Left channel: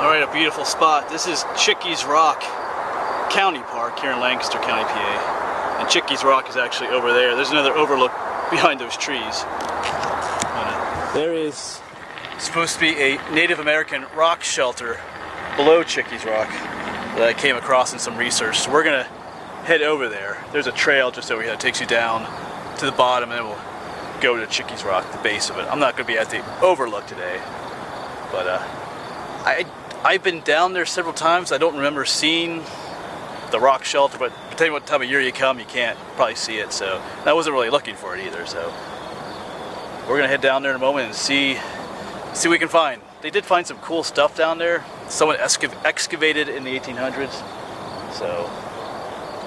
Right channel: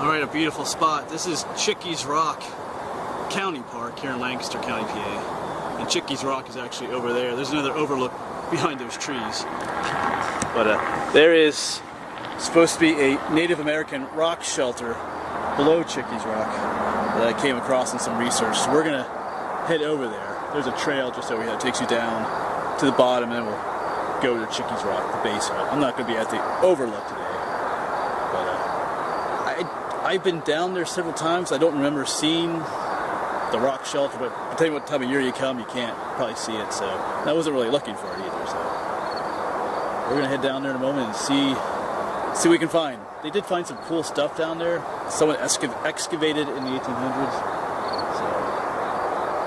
Alright, a beautiful spot. This is Chiques Rock County Park here in Lancaster County, PA. And Chiques Rock is actually over there. There's another overlook behind those trees. But there is supposed to be a Native American rock shelter below Chiques Rock that I came across in some research. So we're gonna head over there. There's a trail just over here that takes you down to the bottom, and then we'll go to Chiques Rock, the base of it. I'm not gonna be at the overlook today, but I've been down there several times. I don't remember seeing the rock shelter, but depending what time of year you come, you can't probably see it. So I wasn't really looking for it either. So we're gonna head down there in a moment and see what we can find. They did find some cool stuff down there. Someone excavated in the 1800s. So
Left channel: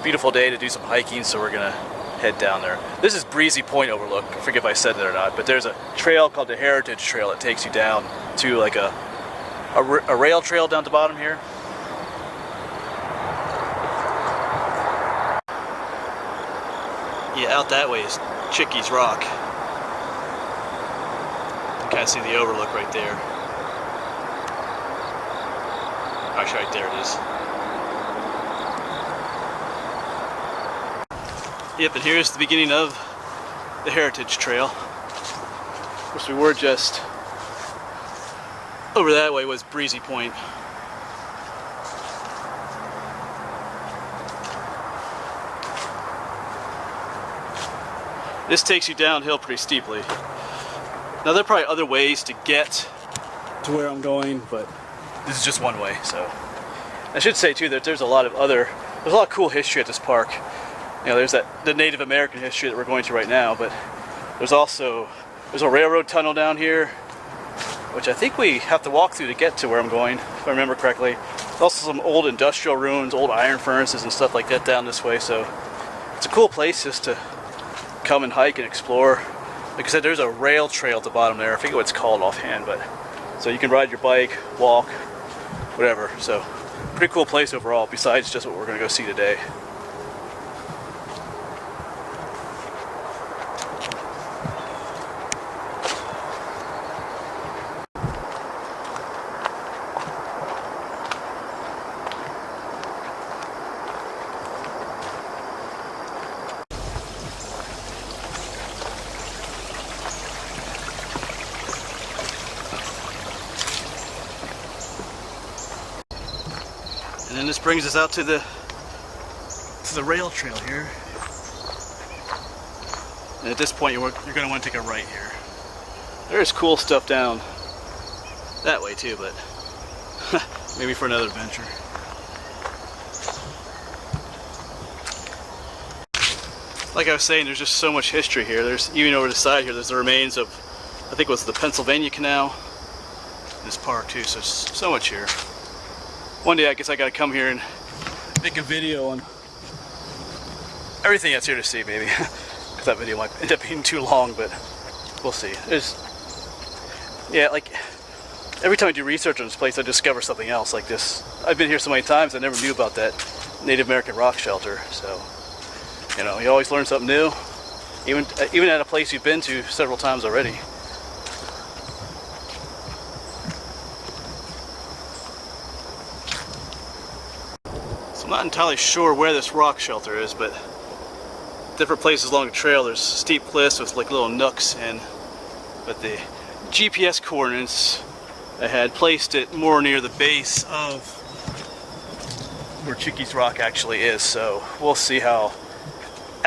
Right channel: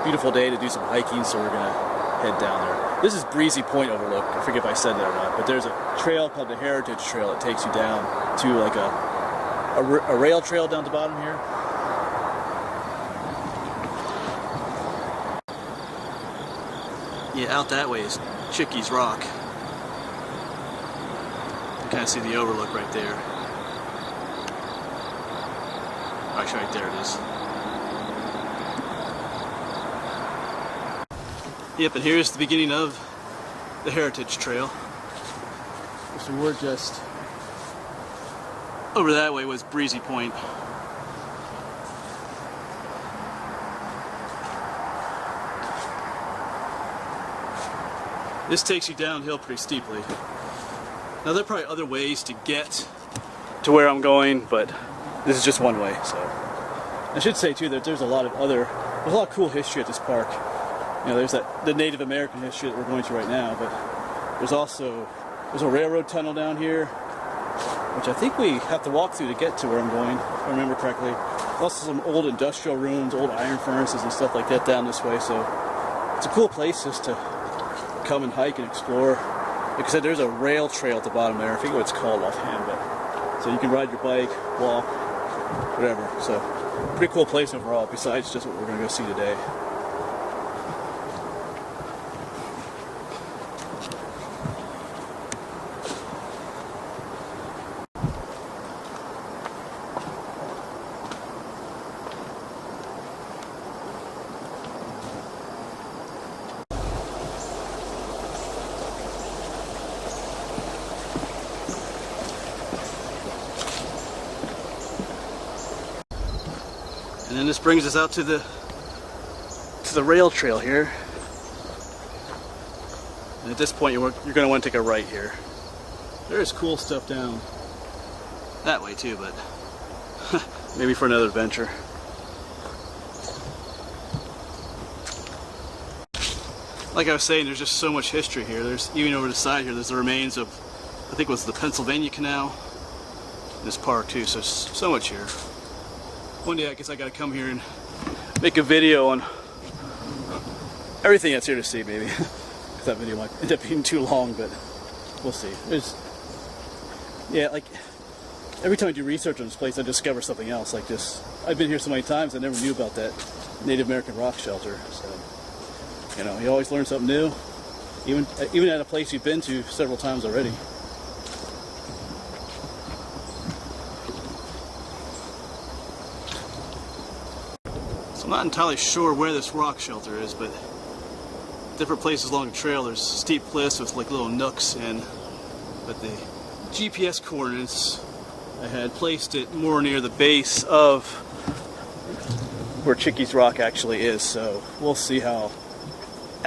beautiful day to do some hiking. So we're gonna head down there. This is Breezy Point Overlook. I forget if I said that or not, but there's a trail called the Heritage Trail that takes you down to like a rail trail down to the bottom here. Yeah, out that way is Chiques Rock. You can kind of see the overlook right there. Actually, right there it is. Yep, and here's the beginning of the Heritage Trail. Of course, we were just over that way was Breezy Point. This takes you downhill pretty steeply. Now there are probably other ways to get to where I'm going, but this is just one way. So I should say too that there's a lot of cool history at this park. You know, there's the Native American history that we're going to right now, but there's a railroad tunnel down here, which I think we have to walk through to get to where I'm going, if I remember correctly. There's also some old industrial ruins, old iron furnaces and stuff like that down this way, so it's a cool place just to come and hike and explore. Like I said, there's a rail trail at the bottom there. I forget what it's called offhand, but so you can ride your bike, walk, whatever. So pretty cool place overall, besides just what we're gonna go see today. And then this brings us out to the rail trail here. And at this point, you're going to want to take a right here. There is cool stuff down that way too, but maybe for another adventure. Like I was saying, there's just so much history here. There's even over the side here, there's the remains of, I think it was the Pennsylvania Canal in this park too. So there's so much here. One day I guess I gotta come here and make a video on everything that's here to see, maybe. Because that video might end up being too long, but we'll see. Yeah, like every time I do research on this place, I discover something else like this. I've been here so many times, I never knew about that Native American rock shelter. So, you know, you always learn something new, even at a place you've been to several times already. I'm not entirely sure where this rock shelter is, but different places along the trail there's steep cliffs with like little nooks but the GPS coordinates I had placed it more near the base of where Chiques Rock actually is, so we'll see how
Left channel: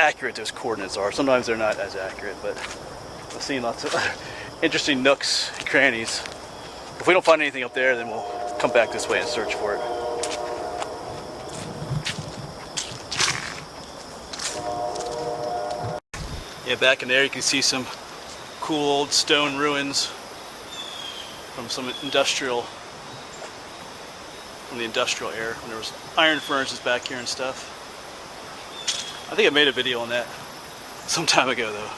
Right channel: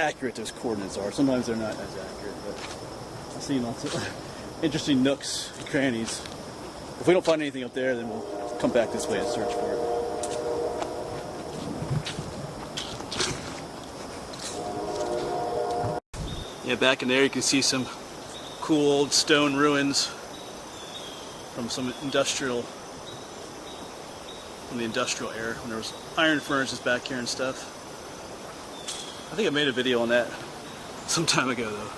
accurate those coordinates are. Sometimes they're not as accurate, but I've seen lots of interesting nooks and crannies. If we don't find anything up there, then we'll come back this way and search for it. Yeah, back in there you can see some cool old stone ruins from the industrial era, when there was iron furnaces back here and stuff. I think I made a video on that some time ago though.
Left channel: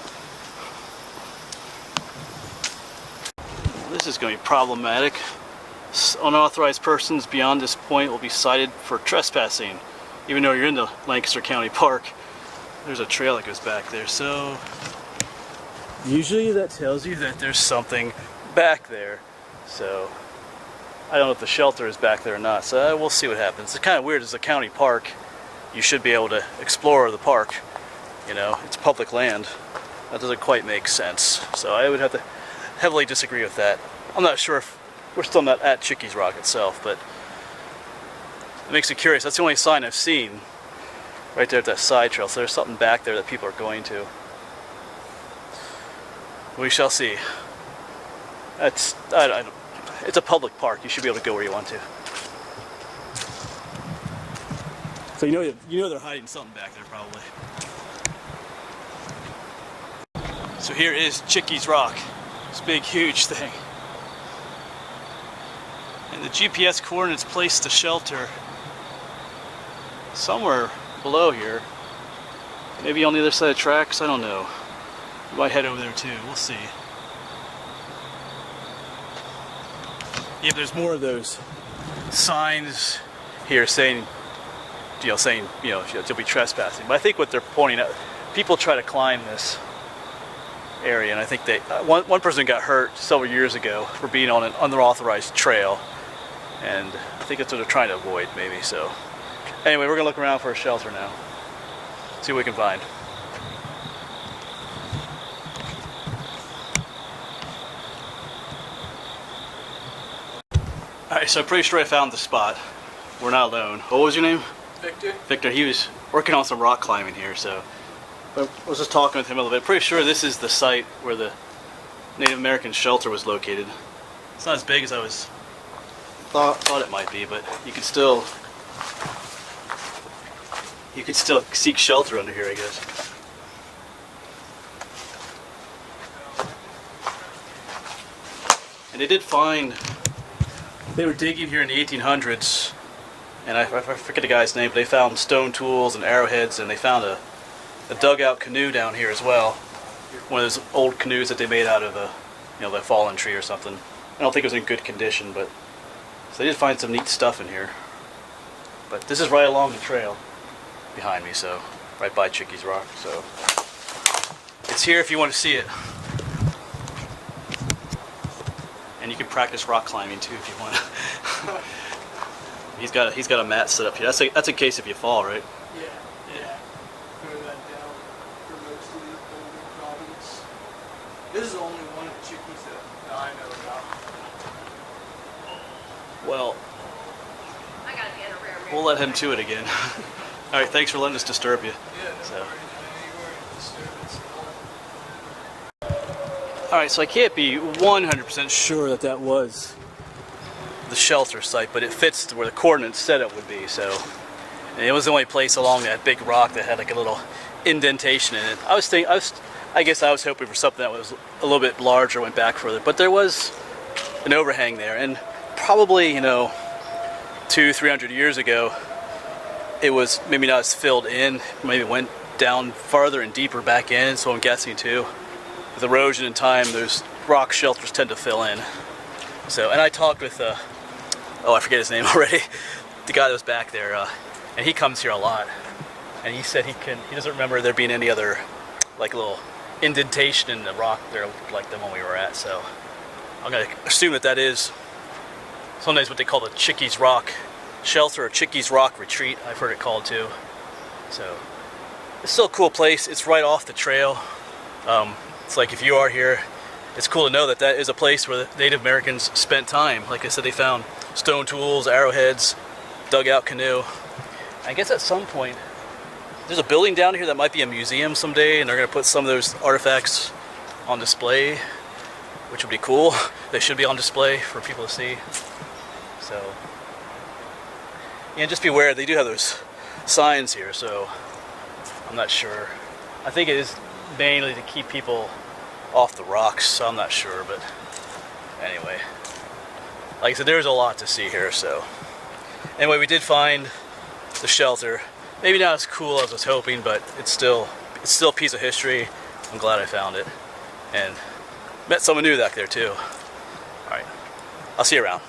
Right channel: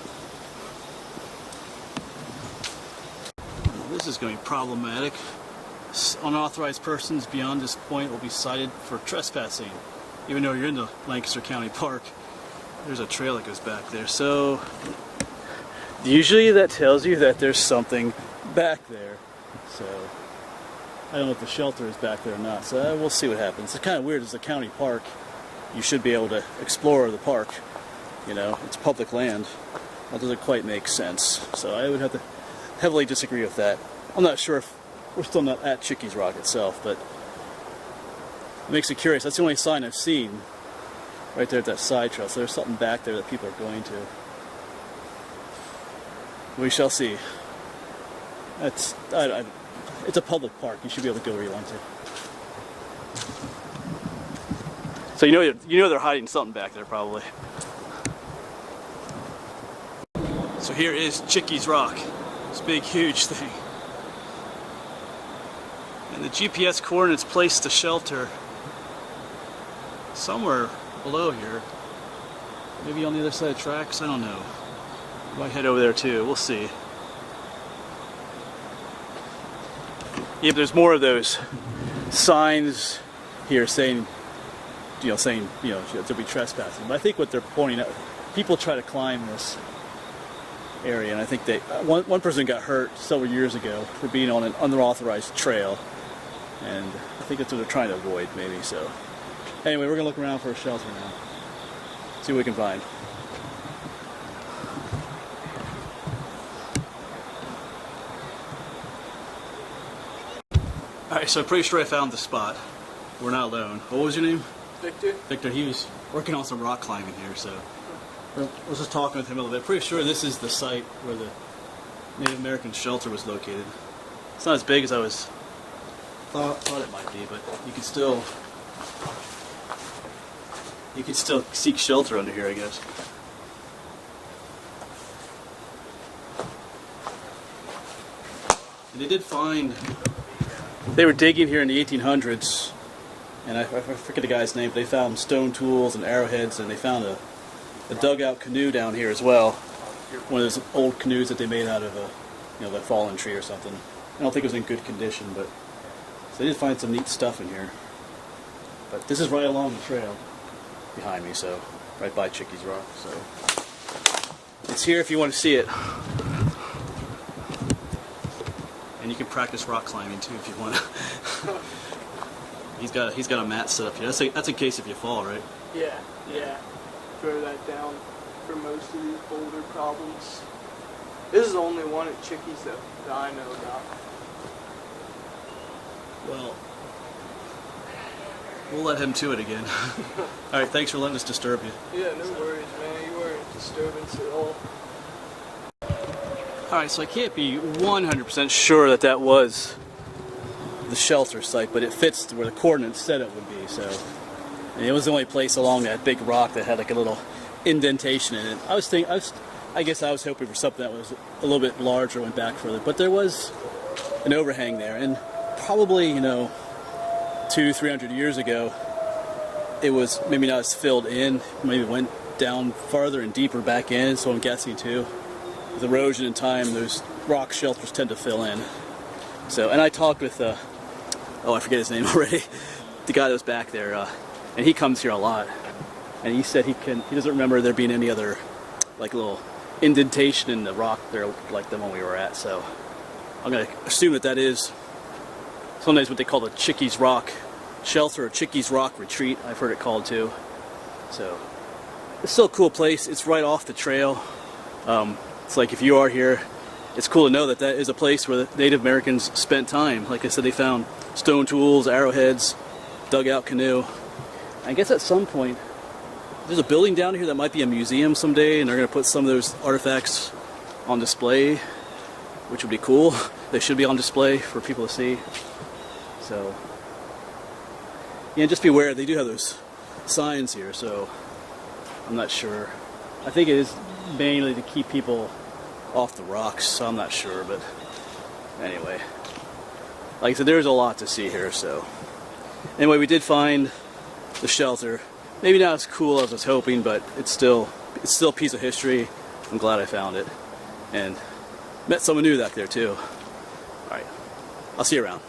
Well, this is going to be problematic. Unauthorized persons beyond this point will be cited for trespassing, even though you're in the Lancaster County Park. There's a trail that goes back there, so usually that tells you that there's something back there. So I don't know if the shelter is back there or not, so we'll see what happens. It's kind of weird. It's a county park. You should be able to explore the park. You know, it's public land. That doesn't quite make sense. So I would have to heavily disagree with that. I'm not sure if we're still not at Chiques Rock itself, but it makes me curious. That's the only sign I've seen right there at that side trail. So there's something back there that people are going to. We shall see. It's a public park. You should be able to go where you want to. So you know they're hiding something back there probably. So here is Chiques Rock. This big, huge thing. And the GPS coordinates place the shelter somewhere below here. Maybe on the other side of the tracks, I don't know. We might head over there too, we'll see. Yeah, but there's more of those signs here saying, you'll be trespassing. But I think what they're pointing out, people try to climb this area, and I think one person got hurt several years ago for being on an unauthorized trail, and I think that's what they're trying to avoid, maybe. So anyway, we're gonna look around for a shelter now, see what we can find. Alright, so I'm pretty sure I found the spot. We're not alone. What was your name? Victor. Victor, he was working on some rock climbing here, so I was just talking with him a little bit. Pretty sure this is the site where the Native American shelter was located. It's not as big as I thought it might be, but you could still seek shelter under here, I guess. And they did find, they were digging here in the 1800s, and I forget the guy's name, but they found stone tools and arrowheads, and they found a dugout canoe down here as well. One of those old canoes that they made out of the fallen tree or something. I don't think it was in good condition, but so they did find some neat stuff in here. But this is right along the trail behind me, so right by Chiques Rock. So it's here if you want to see it. And you can practice rock climbing too if you want. He's got a mat set up here. That's in case if you fall, right? Yeah. Throw that down for most of these boulder problems. This is the only one at Chickies though that I know about. Well, we'll let him to it again. All right, thanks for letting us disturb you. Yeah, no worries, man. You weren't a disturbance at all. Alright, so I can't be 100% sure that was the shelter site, but it fits where the coordinates said it would be, so. And it was the only place along that big rock that had like a little indentation in it. I guess I was hoping for something that was a little bit larger, went back further, but there was an overhang there, and probably, 200-300 years ago, it was maybe not as filled in, maybe went down farther and deeper back in, so I'm guessing too. With erosion in time, those rock shelters tend to fill in. So, and I talked with, I forget his name already, the guy that was back there, and he comes here a lot. And he said he doesn't remember there being any other, like, little indentation in the rock there like the one we were at. So, I'm gonna assume that is sometimes what they call the Chiques Rock shelter or Chiques Rock retreat. I've heard it called too. So, it's still a cool place. It's right off the trail. It's like if you are here, it's cool to know that is a place where the Native Americans spent time. Like I said, they found stone tools, arrowheads, dugout canoe. I guess at some point, there's a building down here that might be a museum someday, and they're going to put some of those artifacts on display, which would be cool. They should be on display for people to see. So, yeah, just be aware, they do have those signs here, so I'm not sure. I think it is mainly to keep people off the rocks, so I'm not sure, but anyway. Like I said, there's a lot to see here, so. Anyway, we did find the shelter. Maybe not as cool as I was hoping, but it's still a piece of history. I'm glad I found it. And met someone new back there too. Alright, I'll see you around.